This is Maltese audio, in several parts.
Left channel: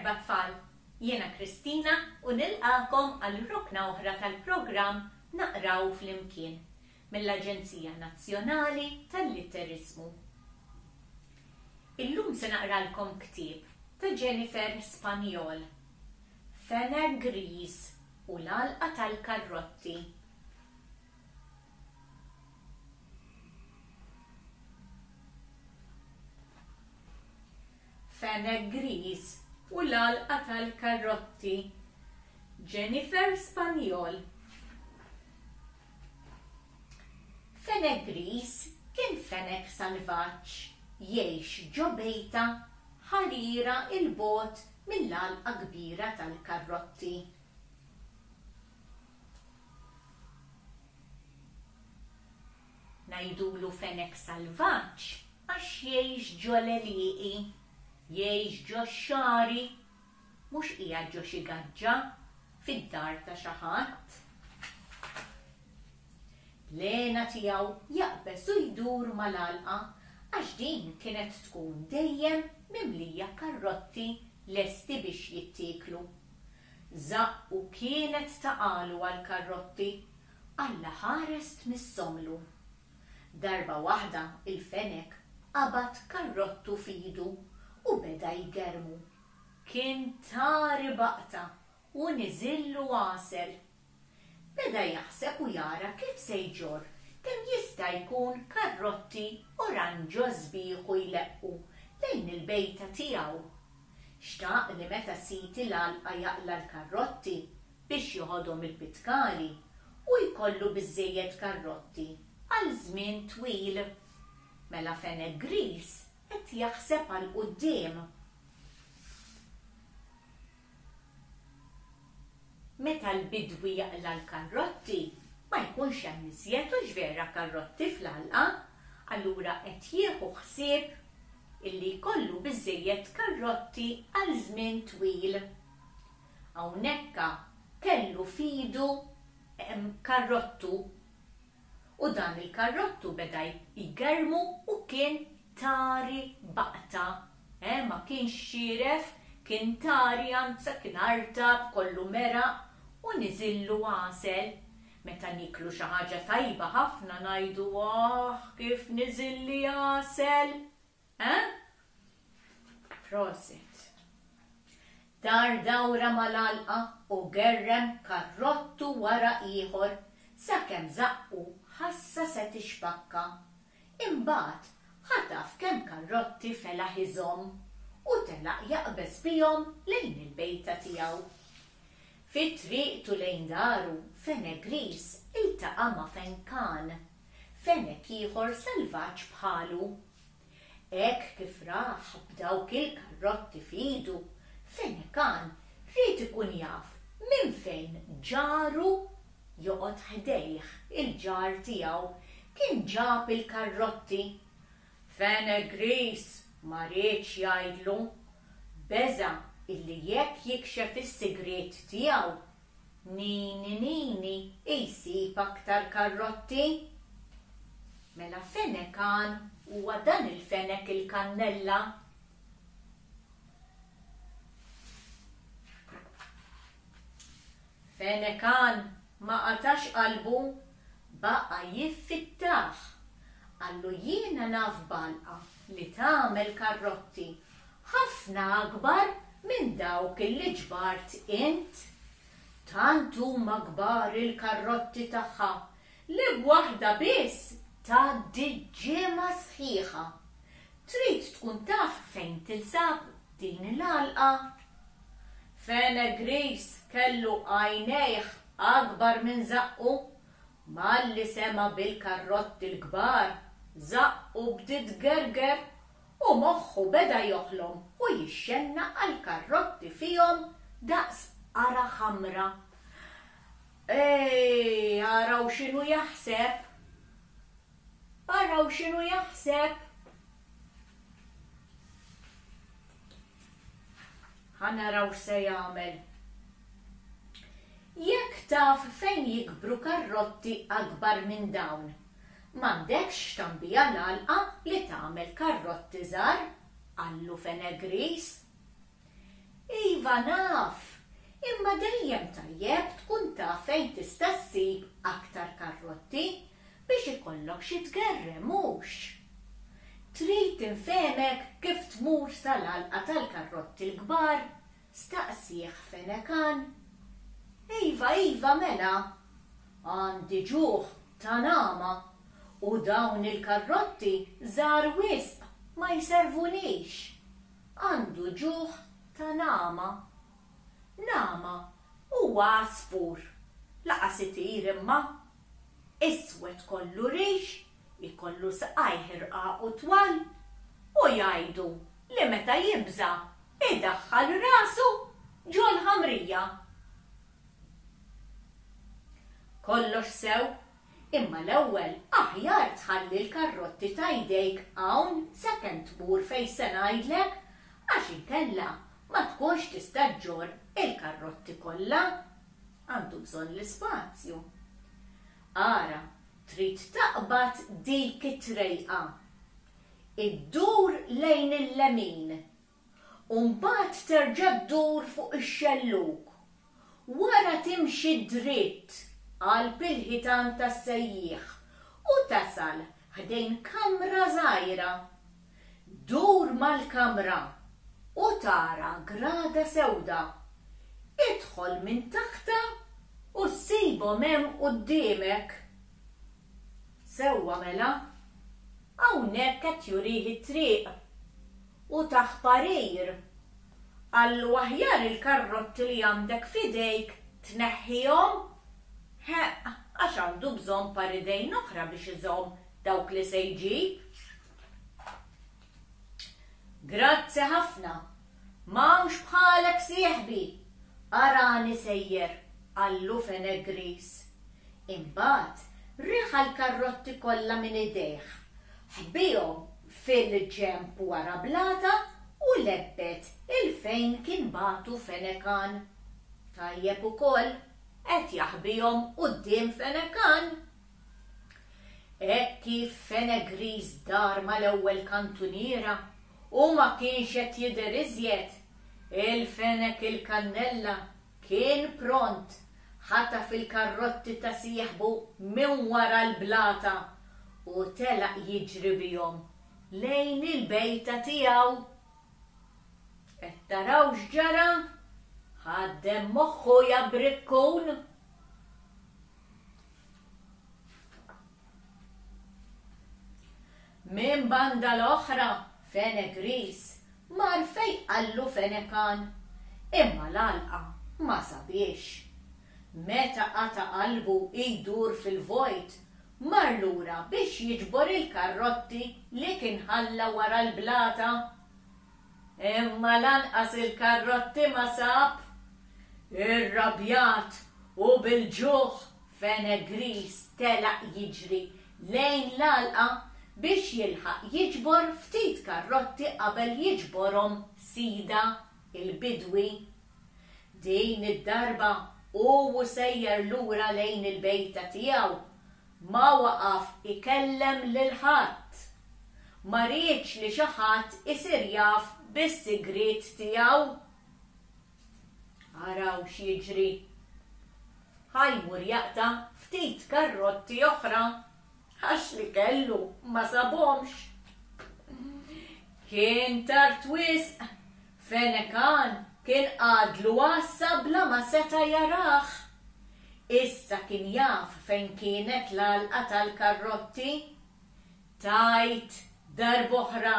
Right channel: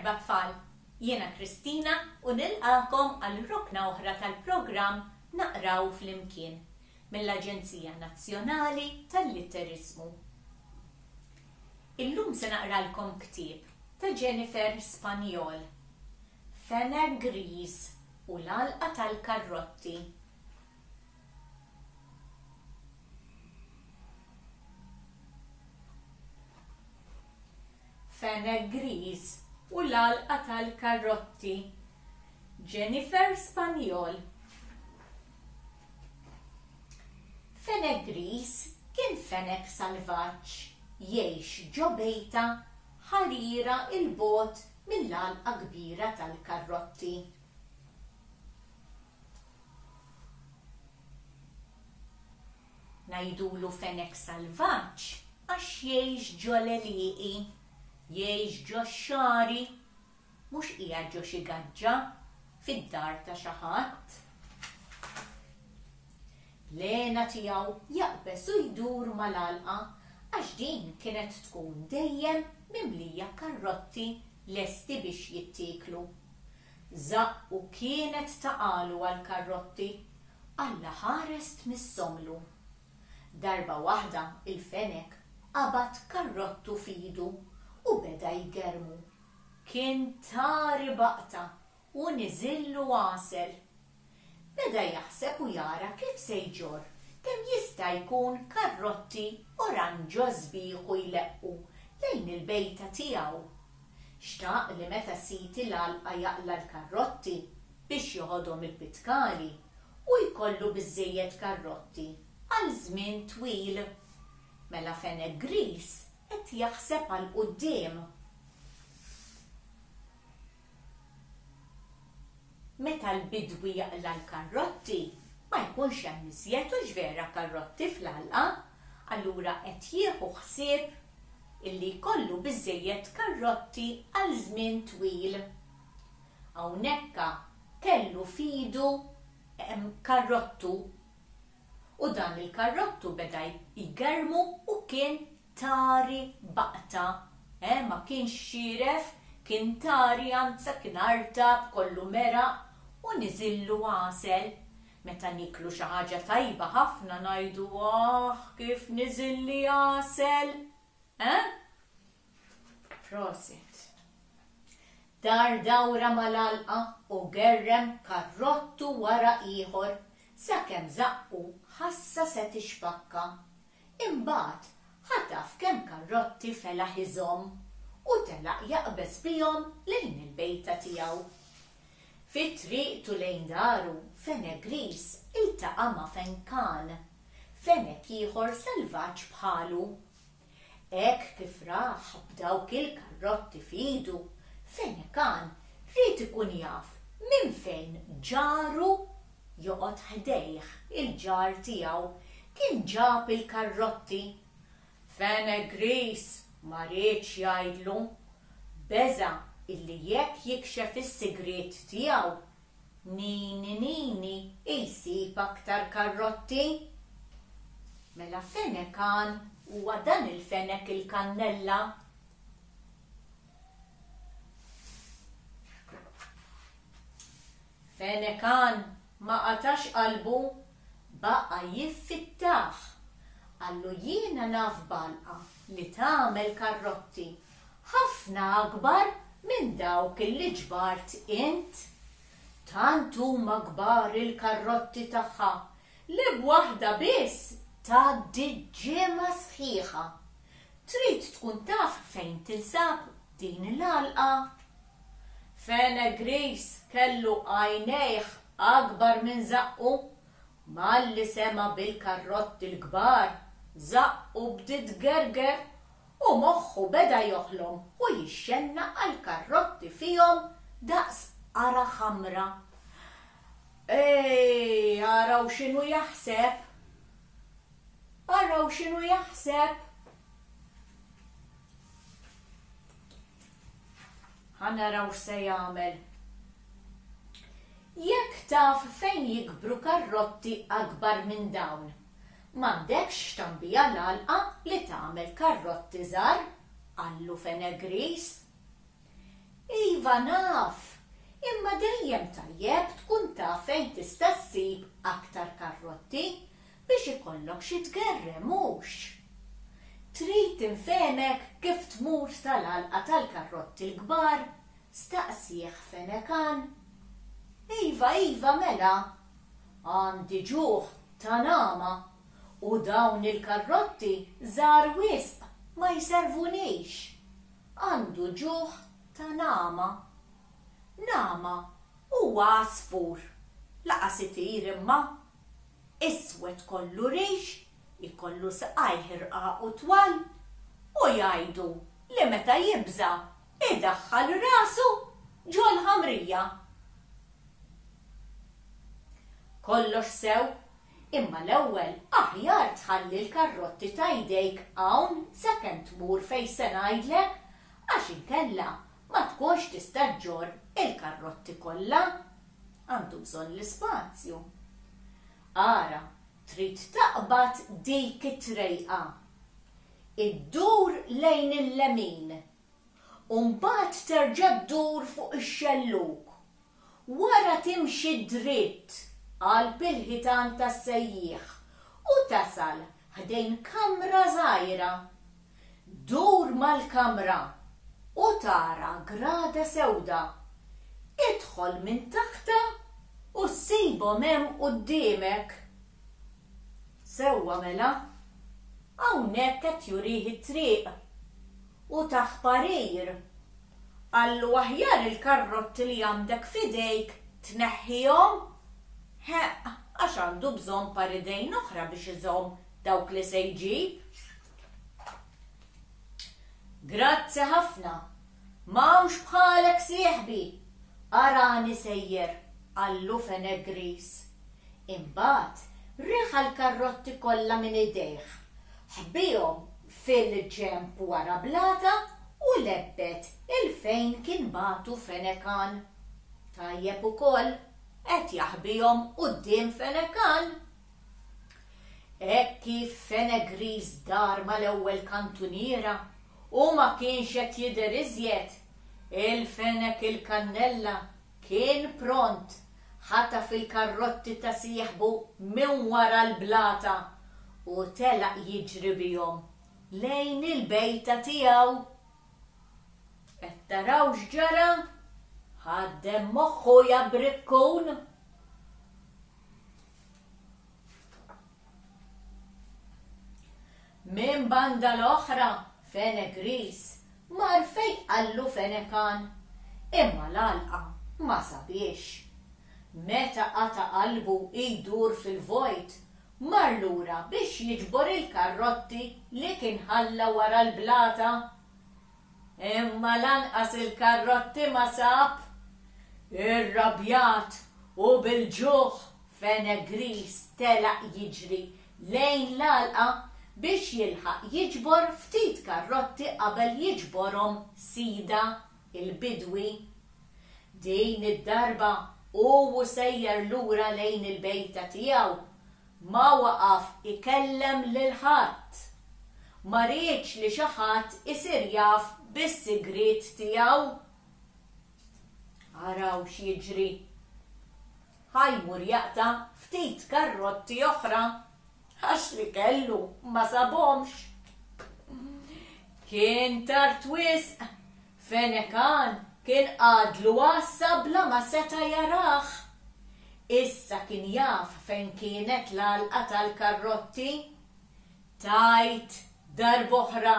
Merba tfal, jiena Kristina u nilqakom għal rukna oħra tal-programm Naqraw flimkien mill-Aġenzija Nazzjonali tal-Litteriżmu. Illum se naqralkom ktieb ta' Jennifer Spagnol, Fenegriż u l-Għalqa tal-Karrotti. Fenegriż u l-Għalqa tal-Karrotti, Jennifer Spagnol. Fenegriż kien fenek salvaġġ jgħix ġo bejta ħarira il-bogħod mill-għalqa kbira tal-Karrotti. Ngħidulu fenek salvaġġ għax jgħix ġo l-għelieqi, jgħix ġo x-xari, mhux qiegħed ġo xi gaġġa fid-dar ta' xi ħadd. L-għena tiegħu jaqbes u jdur mal-għalqa għax din kienet tkun dejjem mimlija karrotti lesti biex jittieklu. Żaq u kienet taqalu għall-karrotti alla ħarest mis-somlu. Darba waħda il-fenek qabad karrottu f'idu u beda jgermu. Kien tari baqta u niżillu għasel. Beda jaħseb u jara kif se jġor kemm jista' jkun karrotti oranġo sbieħu jleqqu lejn il-bejta tiegħu. Xtaq li meta siti l-għalqa jaqla l-karrotti biex joħodhom il-pitkali u jkollu biżżejjed karrotti għal żmien twil. Mela Fenegriż qed jaħseb għal quddiem. Meta l-bidwi jaqla l-karrotti, ma jkunx hemm iżjed u ġvera karrotti fl-għalqa, allura qed jieħu ħsieb illi jkollu biżżejjed karrotti għal żmien twil. Hawnhekk kellu f'idu karrottu u dan il-karrottu beda jgermu u kien tari baqta. Ma kienx xieref, kien tari anza kien artab kollu meraq u niżillu għasel. Meta niklu xi ħaġa tajba ħafna ngħidu kif niżilli għasel. Proset. Dar dawra mal-għalqa u gerrem karrottu wara ieħor sakemm zaqqu ħassa se tixpakka. Imbagħad ħataf kemm karrotti felaħ iżhom u telaq jaqbes bihom lejn il-bejta tiegħu. Fit-triqtu lejn daru, Fenegriż iltaqa' ma' fenkan, fenek ieħor salvaġġ bħalu. Hekk kif raħ b'dawk il-karrotti f'idu, fenekan rid ikun jaf minn fejn ġaru joqgħod ħdejh il-ġar tiegħu kien ġab il-karrotti. Fenegriż ma rridx jgħidlu, beża' illi jekk jikxef is-sigriet tiegħu nini jsib aktar karrotti. Mela fenekan huwa dan il-fenek il-kannella. Fenekan ma qatax qalbu, baqa' jiffittaħ. Għallu jiena naf b'għalqa li tagħmel karrotti ħafna akbar minn dawk illi ġbart int. Tant huma kbar il-karrotti tagħha li b'waħda biss tgħaddi ġimgħa sħiħa. Trid tkun taf fejn tinsab din l-għalqa. Fenegriż kellu għajnejh akbar minn zaqqu, malli sema bil-karrotti l-kbar zaqqu bdiet gerger u moħħu beda joħlom u jixxenna għal-karrotti fihom daqs ara ħamra. Araw x'inhu jaħseb. Araw x'inhu jaħseb. Ħanaraw se jagħmel. Jekk taf fejn jikbru karrotti akbar minn dawn, m'għandekx tambija l-għalqa li tagħmel karrotti żgħar, għallu Fenegriż. Iva naf, imma dejjem tajjeb tkun taf fejn tista' ssib aktar karrotti biex ikollok xi tgerrem mhux. Trid tinfehmek kif tmur sal-għalqa tal-karrotti l-kbar, staqsih Fenekan. Iva mela, għandi ġuħ ta' nama u dawn il-karrotti żgħar wisq ma jservunix. Għandu ġuħ ta' nama. Nama huwa għasfur, laqas itir imma. Iswed kollu rix, ikollu saqaj ħirqaq u twal, u jgħidu li meta jibża idaħħal rasu ġol ħamrija. Kollox sew, imma l-ewwel aħjar tħalli l-karrotti ta' jdejk hawn sakemm tmur fejn se ngħidlek għax inkella ma tkunx tista' ġġorr il-karrotti kollha. Għandu bżonn l-ispazju. Ara, trid taqbad dik it-trejqa. Iddur lejn il-lemin. U mbagħad terġa' ddur fuq ix-xelluk. Wara timxi dritt għal bil-ħitan tas-sejjieħ u tasal ħdejn kamra żgħira. Dur mal-kamra u tara grada sewda. Idħol minn taħta u ssibhom hemm quddiemek. Sewwa mela, hawnhekk qed jurih it-triq u taħt parir. Allu aħjar il-karrotti li għandek f'idejk tneħħihom għax għandu bżonn paridejn oħra biex iżomm dawk li se jġib. Grazzi ħafna, m'hawnx bħalek sieħbi, arani sejjer, għallu Fenegriż. Imbagħad rieħa l-karrotti kollha minn idejh, ħbihom fil-ġemp wara blata u lebbet il-fejn kien batu Fenekan. Tajjeb ukoll qed jaħbihom quddiem Fenekan. Hekk kif Fenegriż dar mal-ewwel kantuniera u ma kienx qed jidher iżjed, il-fenek il-kannella kien pront ħata fil-karrotti ta' sieħbu minn wara l-blata u telaq jiġri bihom lejn il-bejta tiegħu. Qed taraw x'ġara? Ħaddem moħħu jabrikkun. Minn banda l-oħra Fenegriż mar fejn qallu Fenekan, imma l-għalqa ma sabiex. Meta qata qalbu jdur fil-vojt, mar lura biex jiġbor il-karrotti li kien ħalla wara l-blata. Imma lanqas il-karrotti ma sab. Irrabjat u bil-ġuħ Fenegriż telaq jiġri lejn l-għalqa biex jilħaq jiġbor ftit karrotti qabel jiġborhom Sida il-bidwi. Din id-darba u sejjer lura lejn il-bejta tiegħu ma waqaf ikellem lil ħadd. Ma rridx li xi ħadd isir jaf bis-sigriet tiegħu. Araw x'jiġri. Ħajmur jaqta' ftit karrotti oħra għax li kellu ma sabhomx. Kien tard wisq. Fenekan kien għadlu għassa bla ma seta jarah. Issa kien jaf fejn kienet l-għalqa tal-karrotti. Tajt darb'oħra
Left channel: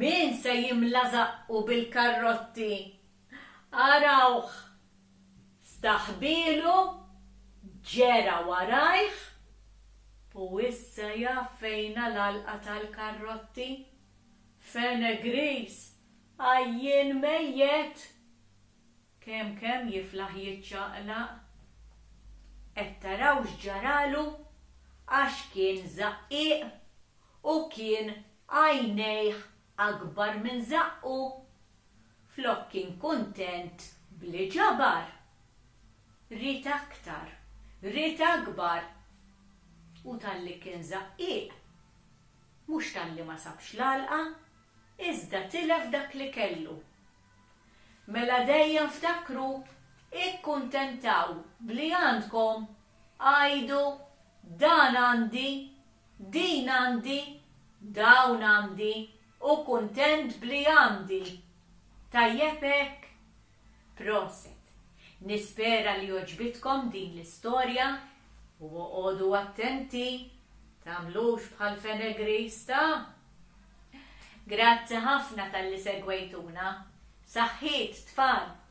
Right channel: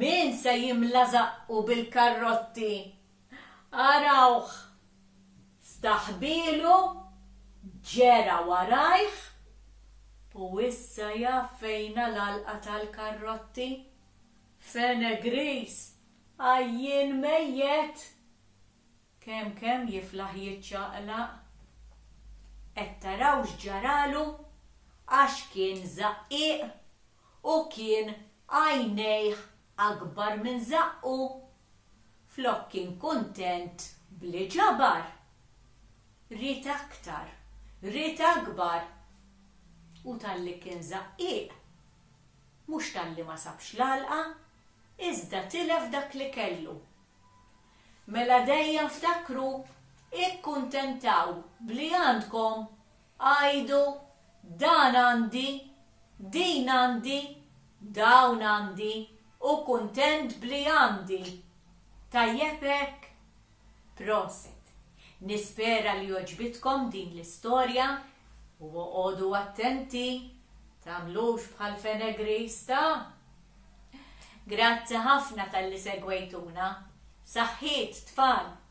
min se jimla zaqqu bil-karrotti. Arawh, staħbilu, ġera warajh, u issa jaf fejn l-għalqa tal-karrotti. Fenegriż għajjin mejjet. Kemm jiflaħ jiċċaqlaq. Qed taraw x'ġaralu għax kien żaqqiq u kien għajnejh akbar minn zaqqu. Flok kien kuntent bli ġabar. Rid aktar, rid akbar. U talli kien żaqqiq, mhux talli ma sabx l-għalqa, iżda tilef dak li kellu. Mela dejjem ftakru, ikkuntentaw bli għandkom, għajdu dan għandi, din għandi, dawn għandi u kuntent bli għandi. Tajjebek, proset. Nispera li oġbitkom din l-istorja u għodu attenti, tamlux bħal Fenegriż ta'. Grazzi ħafna tal-li segwejtuna. Saħħiet tfal!